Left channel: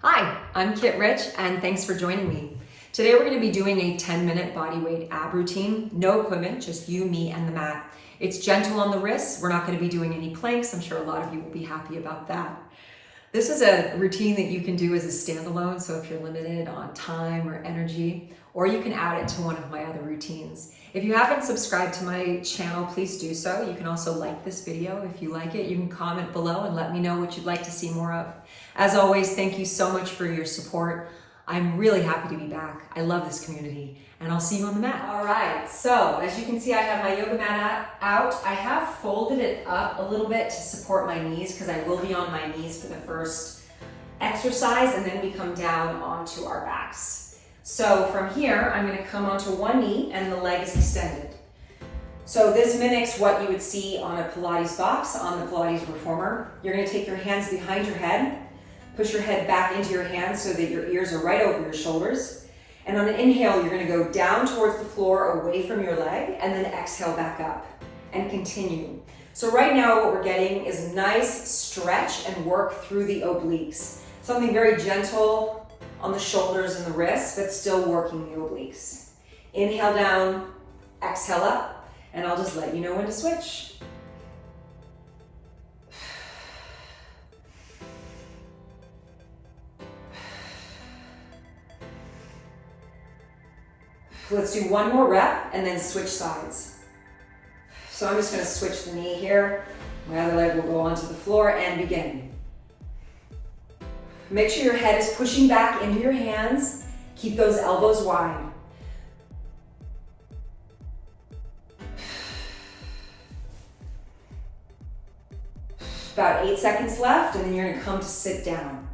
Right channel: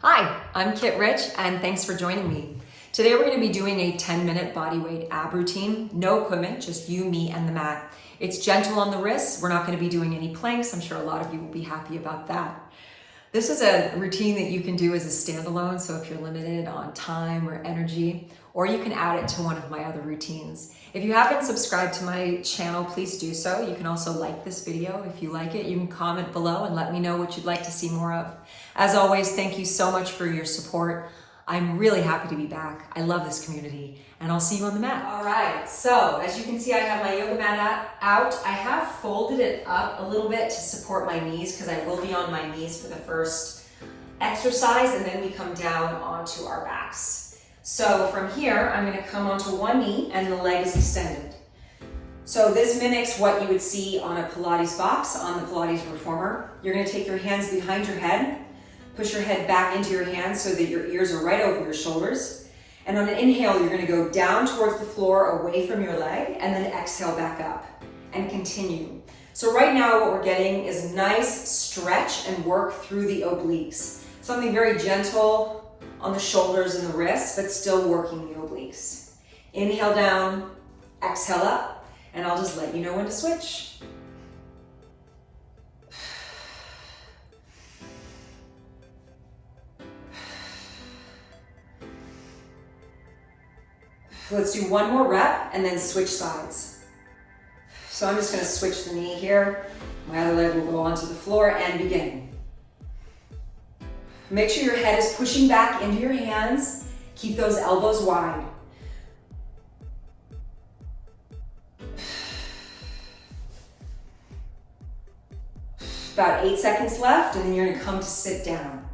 Hi, I'm Kit Rich, and thanks for joining me. Today we're going to be doing a 10-minute bodyweight ab routine. No equipment, just you, me, and the mat. It's gentle on the wrists. We're not going to be doing any planks. I'm sure a lot of you will be happy about that. This is a routine that you can do as a standalone, so if you're limited on time or energy, or you can add it to one of my other routines. If you haven't subscribed to my channel, please do so. You can also like this video if you like it. You can comment below and let me know what you'd like to see more of. As always, thank you so much for your support. I'm really happy to be back. I love this community, and I'll see you on the mat. All right, so as you can see, I have my yoga mat out. I have folded it up a little bit to support my knees because I will be on my knees for the first exercise, and then we come down onto our backs. So from here, I'm gonna come onto one knee and the leg is extended. So this mimics what you would see on a Pilates box, on the Pilates reformer. You're gonna take your hands behind your head, push your head back into your hands so that your ears are right over your shoulders. And on an inhale, you're gonna go down towards the floor, away from your leg, and then exhale back up and continue. So right now what we're getting is a nice stretch and work through the obliques. Something very gentle on the shoulders and the wrists, but still working the obliques. Inhale down, exhale up, and I'll just let you know when to switch. Let's do one more rep and then switch sides. So I'm just gonna switch the knee here. My other leg will go onto the floor and begin. Make sure your head is pushing back into your hands. Keep those elbows wide. About 8 seconds left, and then you're gonna come to sit down.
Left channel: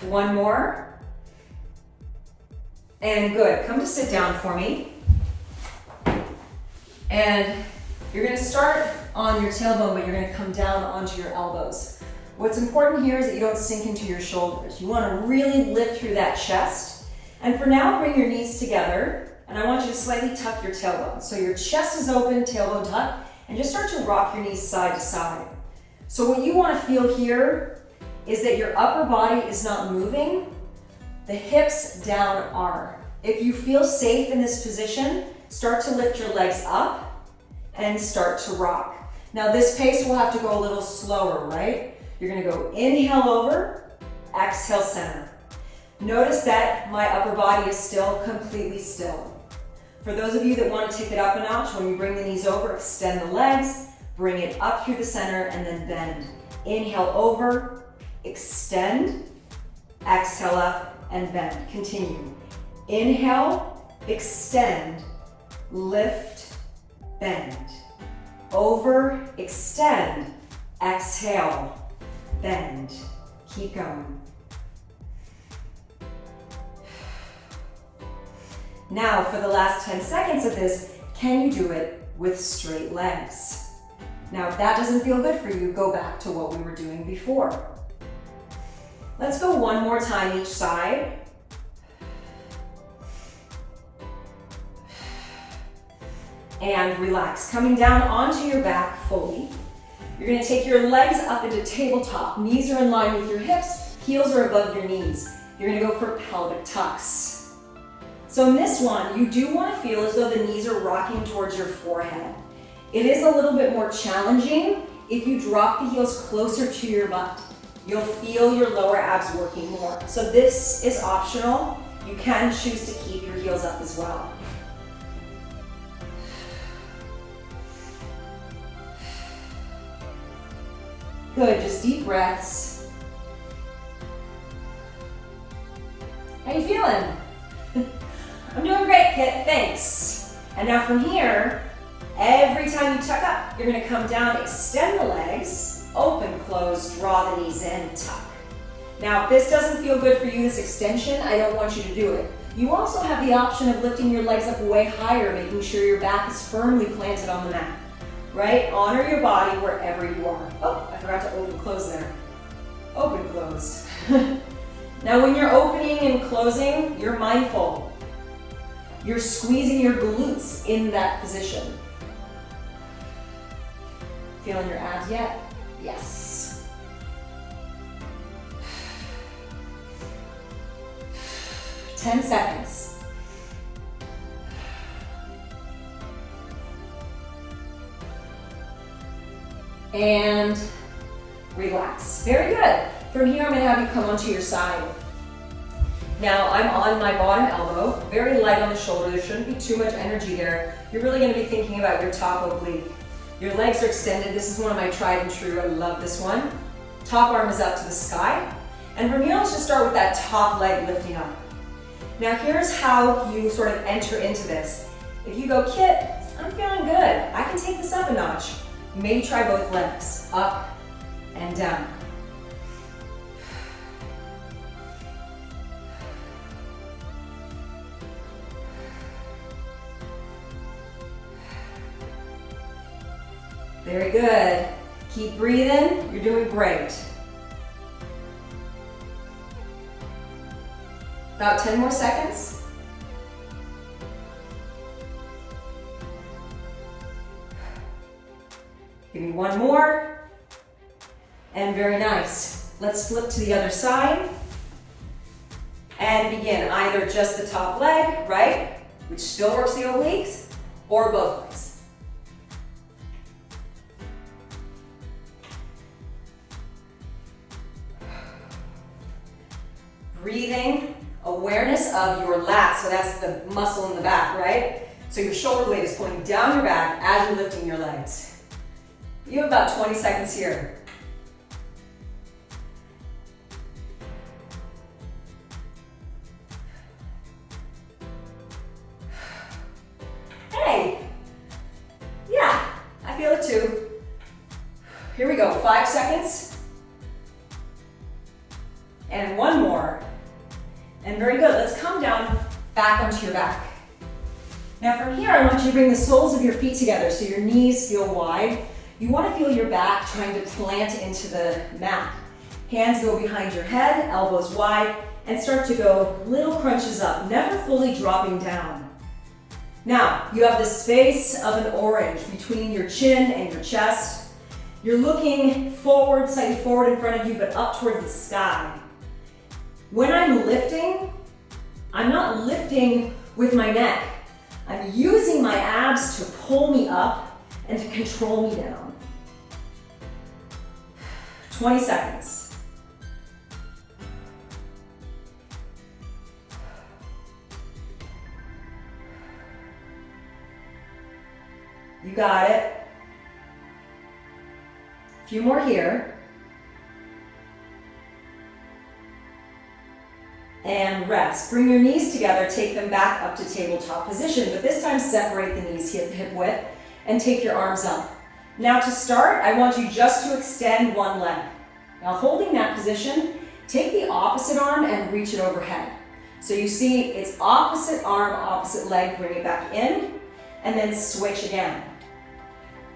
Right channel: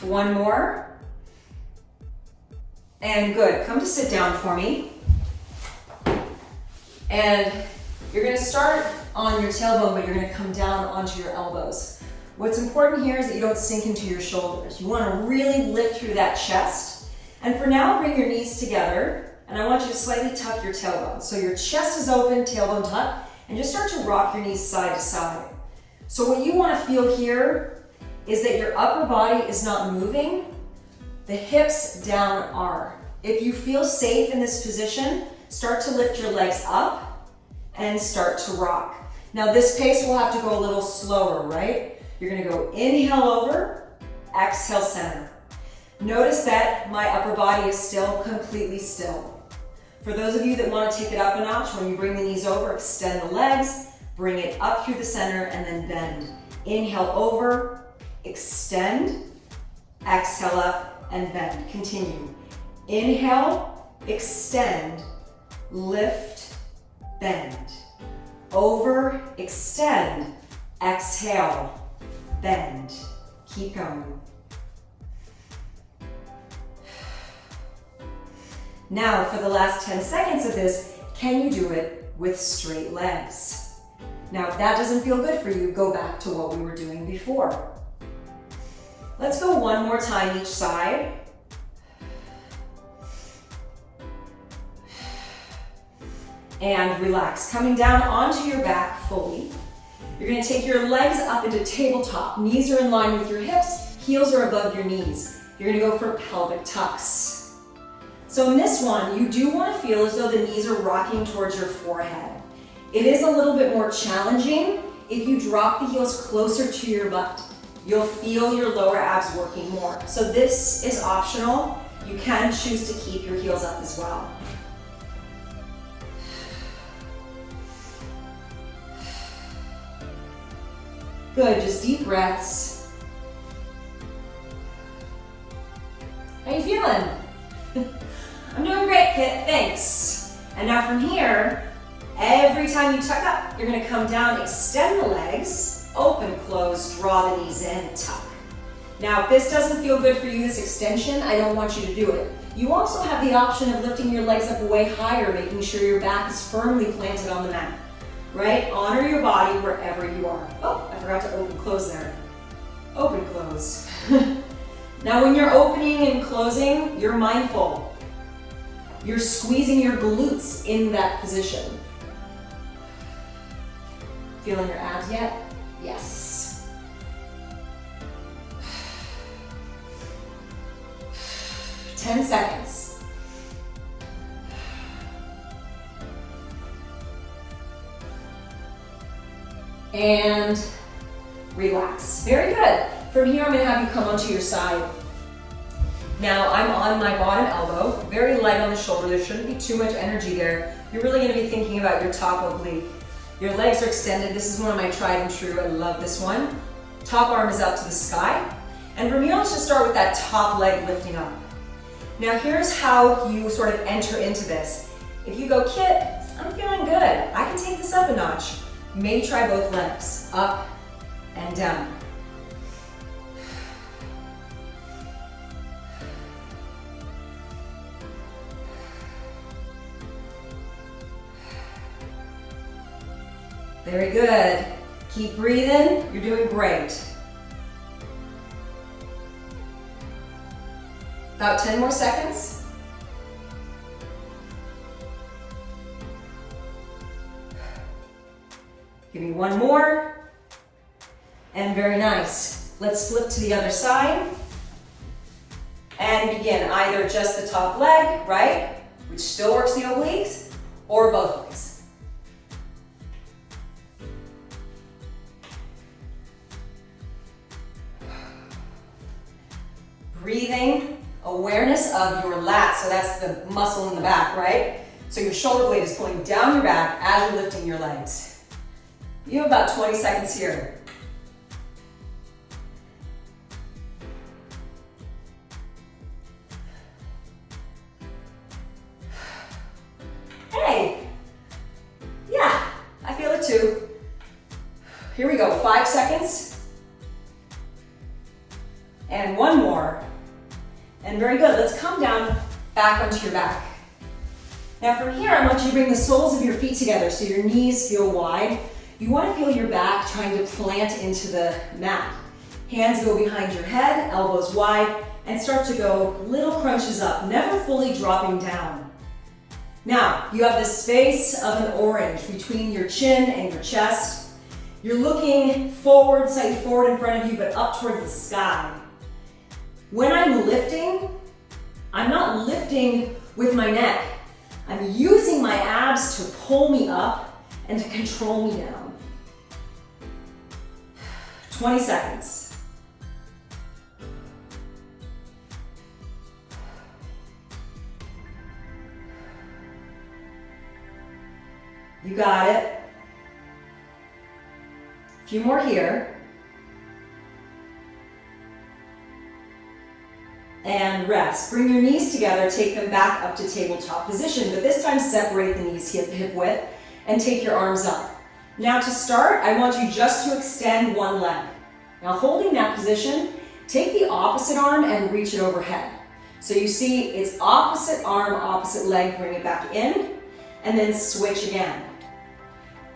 One more. And good, come to sit down for me. And you're gonna start on your tailbone, but you're gonna come down onto your elbows. What's important here is that you don't sink into your shoulders. You wanna really lift through that chest. And for now, bring your knees together, and I want you to slightly tuck your tailbone. So your chest is open, tailbone tucked, and just start to rock your knees side to side. So what you wanna feel here is that your upper body is not moving, the hips down are. If you feel safe in this position, start to lift your legs up and start to rock. Now this pace will have to go a little slower, right? You're gonna go inhale over, exhale center. Notice that my upper body is still completely still. For those of you that wanna take it up a notch, when you bring the knees over, extend the legs, bring it up through the center and then bend. Inhale over, extend, exhale up, and bend. Continue. Inhale, extend, lift, bend. Over, extend, exhale, bend. Keep going. Now, for the last 10 seconds of this, can you do it with straight legs? Now, if that doesn't feel good for you, go back to what we were doing before. Let's go one more time each side. And relax, coming down onto your back fully. You're gonna take your legs up into tabletop. Knees are in line with your hips, heels are above your knees. You're gonna go for pelvic tucks. So in this one, you do wanna feel as though the knees are rocking towards your forehead. It is a little bit more challenging if you drop the heels closer to your butt. You'll feel your lower abs working more. So this is optional. You can choose to keep your heels up as well. Good, just deep breaths. How you feeling? I'm doing great, Kit, thanks. And now from here, every time you tuck up, you're gonna come down, extend the legs, open, close, draw the knees in, tuck. Now, if this doesn't feel good for you, this extension, I don't want you to do it. You also have the option of lifting your legs up way higher, making sure your back is firmly planted on the mat, right? Honor your body wherever you are. Oh, I forgot to open, close there. Open, close. Now, when you're opening and closing, you're mindful. You're squeezing your glutes in that position. Feeling your abs yet? Yes. Ten seconds. And relax. Very good. From here, I'm going to have you come onto your side. Now, I'm on my bottom elbow, very light on the shoulder. There shouldn't be too much energy there. You're really going to be thinking about your top oblique. Your legs are extended. This is one of my tried and true. I love this one. Top arm is up to the sky. And from here, let's just start with that top leg lifting up. Now, here's how you sort of enter into this. If you go, Kit, I'm feeling good. I can take this up a notch. Maybe try both legs, up and down. Very good. Keep breathing. You're doing great. About 10 more seconds. Give me one more. And very nice. Let's flip to the other side. And begin either just the top leg, right? Which still works the obliques, or both legs. Breathing, awareness of your lats, so that's the muscle in the back, right? So your shoulder blade is pulling down your back as you're lifting your legs. You have about 20 seconds here. Hey, yeah, I feel it too. Here we go, 5 seconds. And one more. And very good, let's come down back onto your back. Now from here, I want you to bring the soles of your feet together so your knees feel wide. You want to feel your back trying to plant into the mat. Hands go behind your head, elbows wide, and start to go little crunches up, never fully dropping down. Now, you have the space of an orange between your chin and your chest. You're looking forward, slightly forward in front of you, but up towards the sky. When I'm lifting, I'm not lifting with my neck. I'm using my abs to pull me up and to control me down. 20 seconds. You got it. A few more here. And rest. Bring your knees together, take them back up to tabletop position, but this time separate the knees hip width and take your arms up. Now to start, I want you just to extend one leg. Now holding that position, take the opposite arm and reach it overhead. So you see it's opposite arm, opposite leg, bring it back in, and then switch again.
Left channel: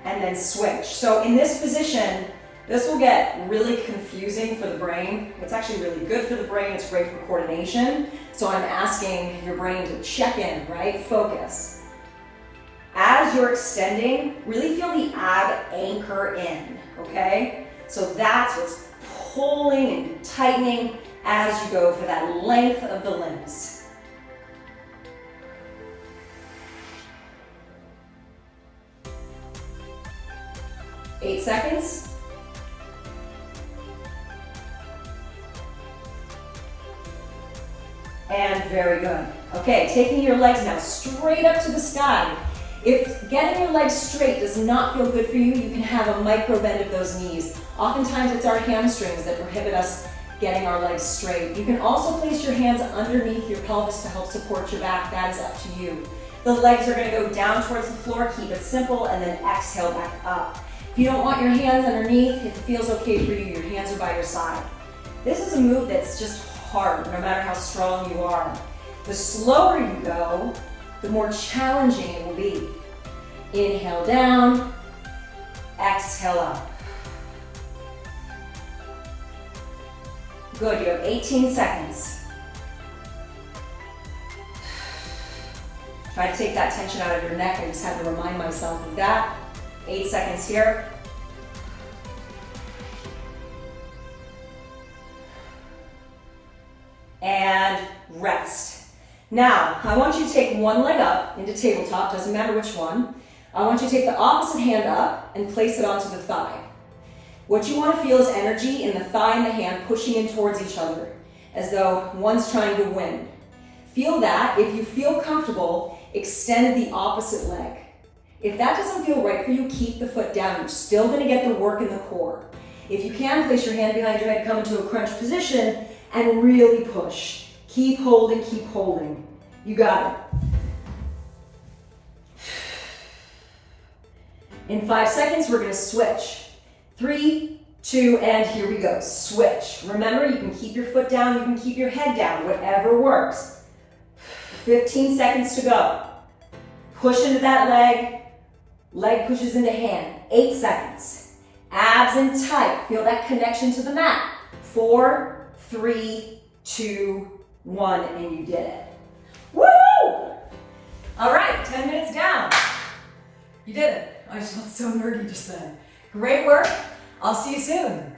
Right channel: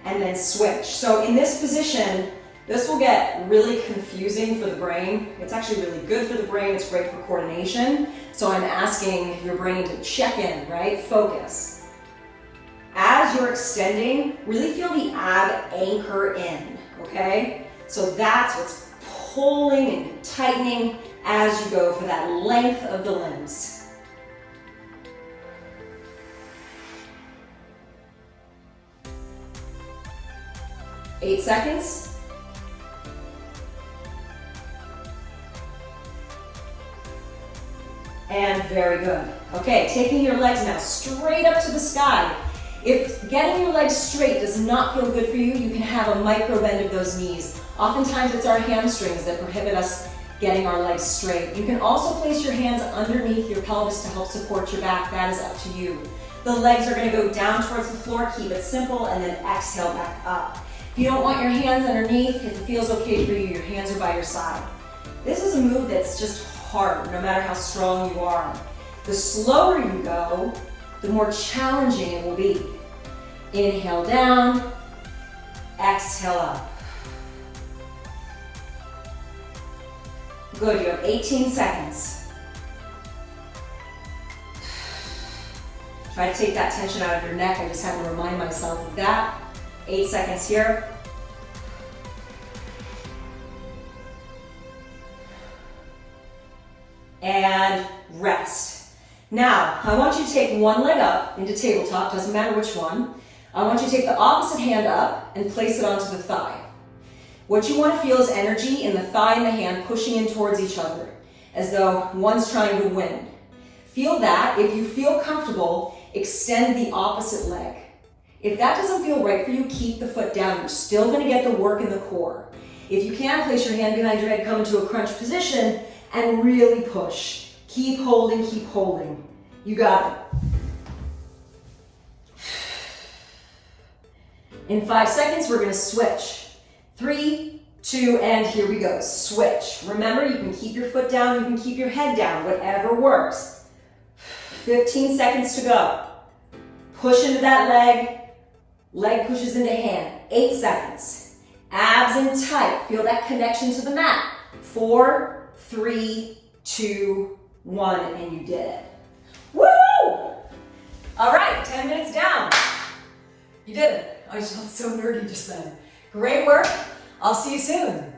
And then switch. So in this position, this will get really confusing for the brain. It's actually really good for the brain. It's great for coordination. So I'm asking your brain to check in, right? Focus. As you're extending, really feel the ab anchor in, okay? So that's what's pulling and tightening as you go for that length of the limbs. Eight seconds. And very good. Okay, taking your legs now straight up to the sky. If getting your legs straight does not feel good for you, you can have a micro bend of those knees. Oftentimes it's our hamstrings that prohibit us getting our legs straight. You can also place your hands underneath your pelvis to help support your back. That is up to you. The legs are going to go down towards the floor. Keep it simple and then exhale back up. If you don't want your hands underneath, if it feels okay for you, your hands are by your side. This is a move that's just hard, no matter how strong you are. The slower you go, the more challenging it will be. Inhale down, exhale up. Good, you have 18 seconds. Try to take that tension out of your neck. I just have to remind myself of that. 8 seconds here. and rest. Now, I want you to take one leg up into tabletop, doesn't matter which one. I want you to take the opposite hand up and place it onto the thigh. What you want to feel is energy in the thigh and the hand pushing in towards each other, as though one's trying to win. Feel that. If you feel comfortable, extend the opposite leg. If that doesn't feel right for you, keep the foot down. You're still going to get the work in the core. If you can, place your hand behind your head, come into a crunch position, and really push. Keep holding, keep holding. You got it. In 5 seconds, we're going to switch. 3, 2, and here we go. Switch. Remember, you can keep your foot down, you can keep your head down, whatever works. 15 seconds to go. Push into that leg. Leg pushes into hand. 8 seconds. Abs in tight. Feel that connection to the mat. 4, 3, 2, 1, and you did it. Woo! All right, 10 minutes down. You did it. I just felt so nerdy just then. Great work. I'll see you soon.